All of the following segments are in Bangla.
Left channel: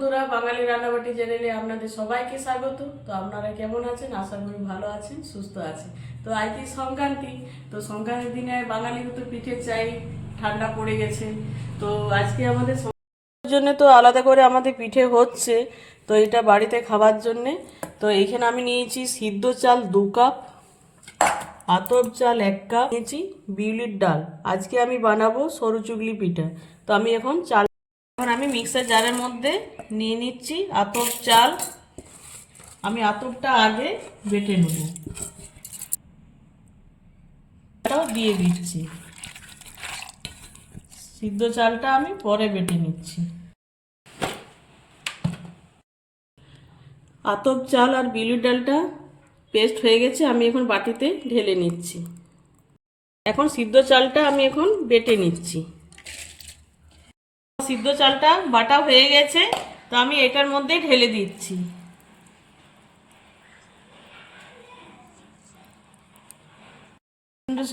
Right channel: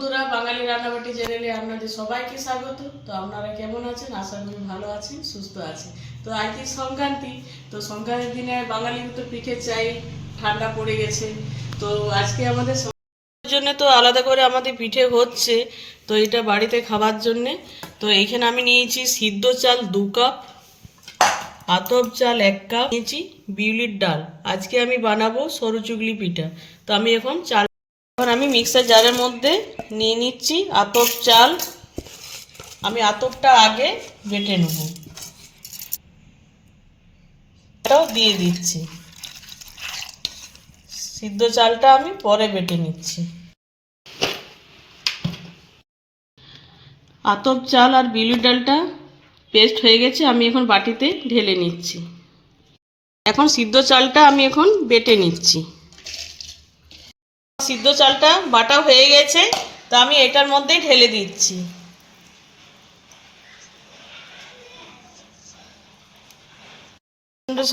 বন্ধুরা, বাঙালি রান্নাবাটি চ্যানেলে আপনাদের সবাইকে স্বাগত। তো আপনারা কেমন আছেন? আশা করি ভালো আছেন, সুস্থ আছেন। তো আজকে সংক্রান্তি, তো সংক্রান্তির দিনে বাঙালির তো পিঠে চাই, ঠান্ডা পড়ে গেছে। তো আজকে আমাদের জন্য তো আলাদা করে আমাদের পিঠে হচ্ছে, তো এটা বাড়িতে খাবার জন্যে। তো এইখানে আমি নিয়েছি সিদ্ধ চাল দু কাপ আতপ চাল এক কাপ, নিয়েছি বিউলির ডাল। আজকে আমি বানাবো সরু চুগলি পিঠা। তো আমি এখন চাল এখন আমি মিক্সার জারের মধ্যে নিয়ে নিচ্ছি আতপ চাল। আমি আতপটা আগে বেটে নেব। এটাও দিয়ে দিচ্ছি। সিদ্ধ চালটা আমি পরে বেটে নিচ্ছি। আতপ চাল আর বিউলির ডালটা পেস্ট হয়ে গেছে, আমি এখন বাটিতে ঢেলে নিচ্ছি। এখন সিদ্ধ চালটা আমি এখন বেটে নিচ্ছি। সিদ্ধ চালটা বাটা হয়ে গেছে, তো আমি এটার মধ্যে ঢেলে দিচ্ছি।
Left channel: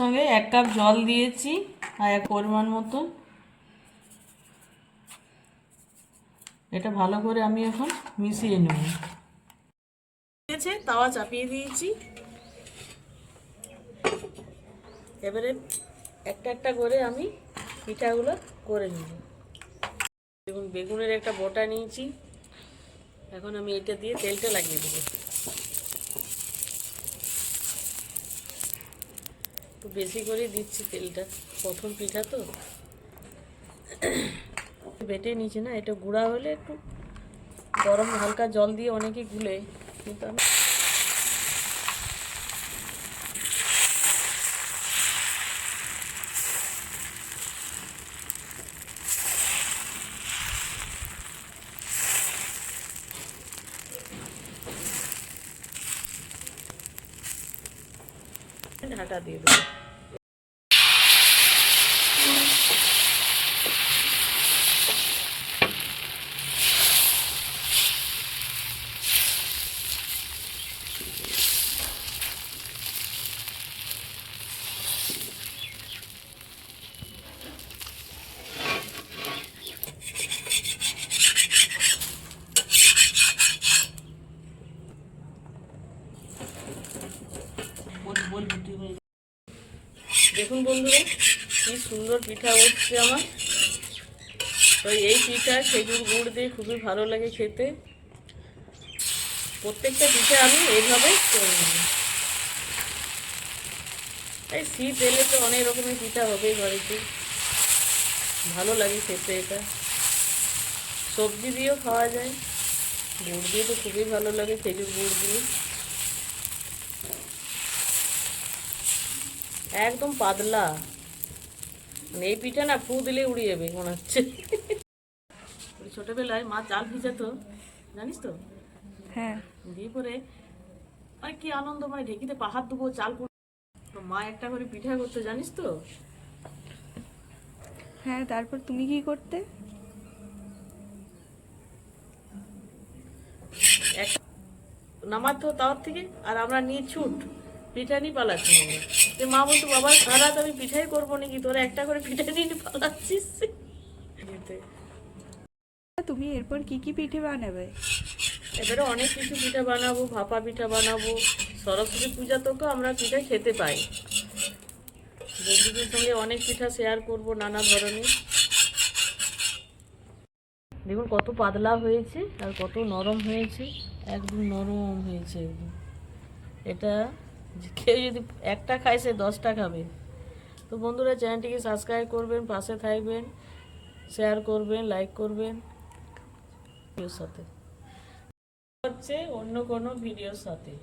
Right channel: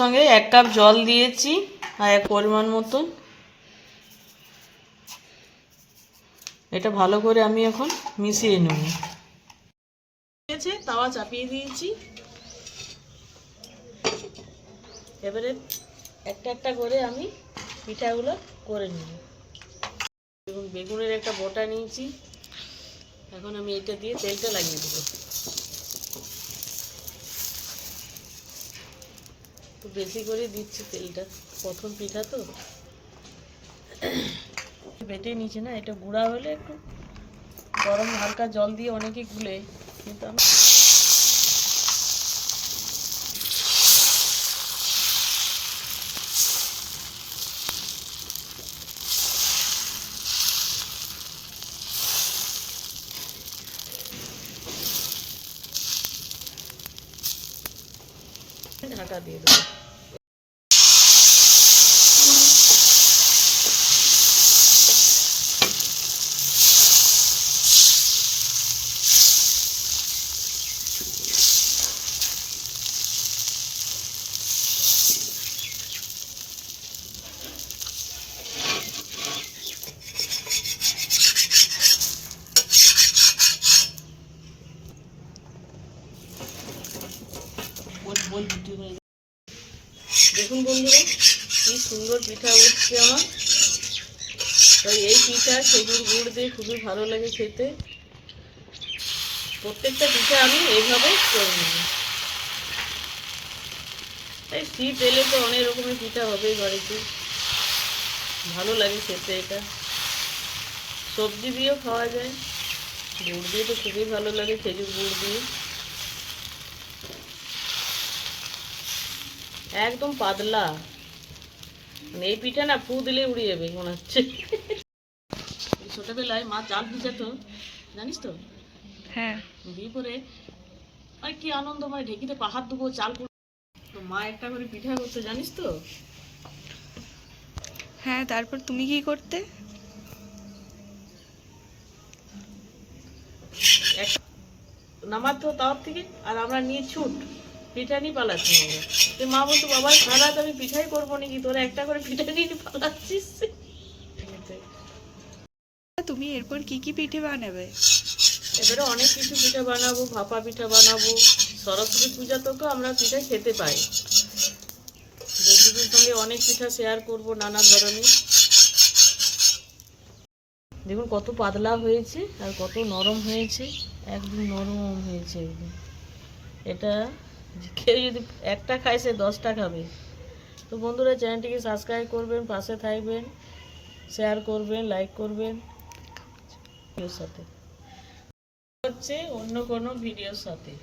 সঙ্গে এক কাপ জল দিয়েছি, আর এক পরিমাণ মতো এটা ভালো করে আমি এখন মিশিয়ে নেব। দিয়েছে তাওয়া চাপিয়ে দিয়েছি। এবারে একটা একটা করে আমি পিঠাগুলো করে নেব। এবং বেগুনের একটা বটা নিয়েছি। এখন আমি এটা দিয়ে তেলটা লাগিয়ে দেবো। একটু বেশি করে দিচ্ছি তেলটা। প্রথম পিঠা তো। বেটে নিয়েছি না, এটা গুঁড়া হলে একটু গরম হালকা জল দিয়ে অনেকে গুলে, কিন্তু আমি ঢাকা দিয়ে দেখুন বন্ধুরা, কি সুন্দর পিঠা উঠছে আমার। তো এই পিঠা, খেজুর গুড় দিয়ে খুবই ভালো লাগে খেতে। প্রত্যেকটা পিঠা আমি এইভাবে করে নেব। এই শীত এলে তো অনেক রকমের পিঠা হবেই বাড়িতে। ভালো লাগে খেতে এটা। সবজি দিয়েও খাওয়া যায়। গুড় দিয়ে তো খুবই ভালো লাগে খেজুর গুড় দিয়ে। একদম পাতলা। মানে এই পিঠা না ফু দিলে উড়ে যাবে মনে হচ্ছে। ছোটবেলায় মা চাল ভিজাতো জানিস তো? হ্যাঁ। দিয়ে পরে আর কি আনন্দ মানে ঢেকিতে পাহাড় দেবো চাল। তো মা একটা করে পিঠা করতে জানিস তো? হ্যাঁ তারপর তুমি কি করতে? নামাতো তাওয়ার থেকে আর আমরা নিয়ে ছুট। পিঠা নিয়ে পালাচ্ছি আমরা। মা বলতো বাবা সারা আমি পিঠাই করব নাকি? তোরা একটা করে পিঠা নিয়ে পালাচ্ছিস? তুমি এরপর কি কি পিঠে বানাবে? এবারে অনেক কিছু পিঠা বানাবো ভাপা পিঠা বানাবো সরস্বতী পূজা তো আমরা পিঠা খেতে পাই। বন্ধুদের সঙ্গে অনেক পিঠা শেয়ার করব নানা ধরনের। দেখুন কত পাতলা হয়েছে আর কত নরম হয়েছে। একদম নরম হয়েছে। এটা কেউ যদি একটা খায়, সে দশটা খাবে। তো বন্ধুরা, চ্যানেলটিকে সাবস্ক্রাইব করবেন, পাশে থাকবেন শেয়ার করবেন লাইক করবেন। সাথে। হচ্ছে অন্য কোনো ভিডিওর সাথে।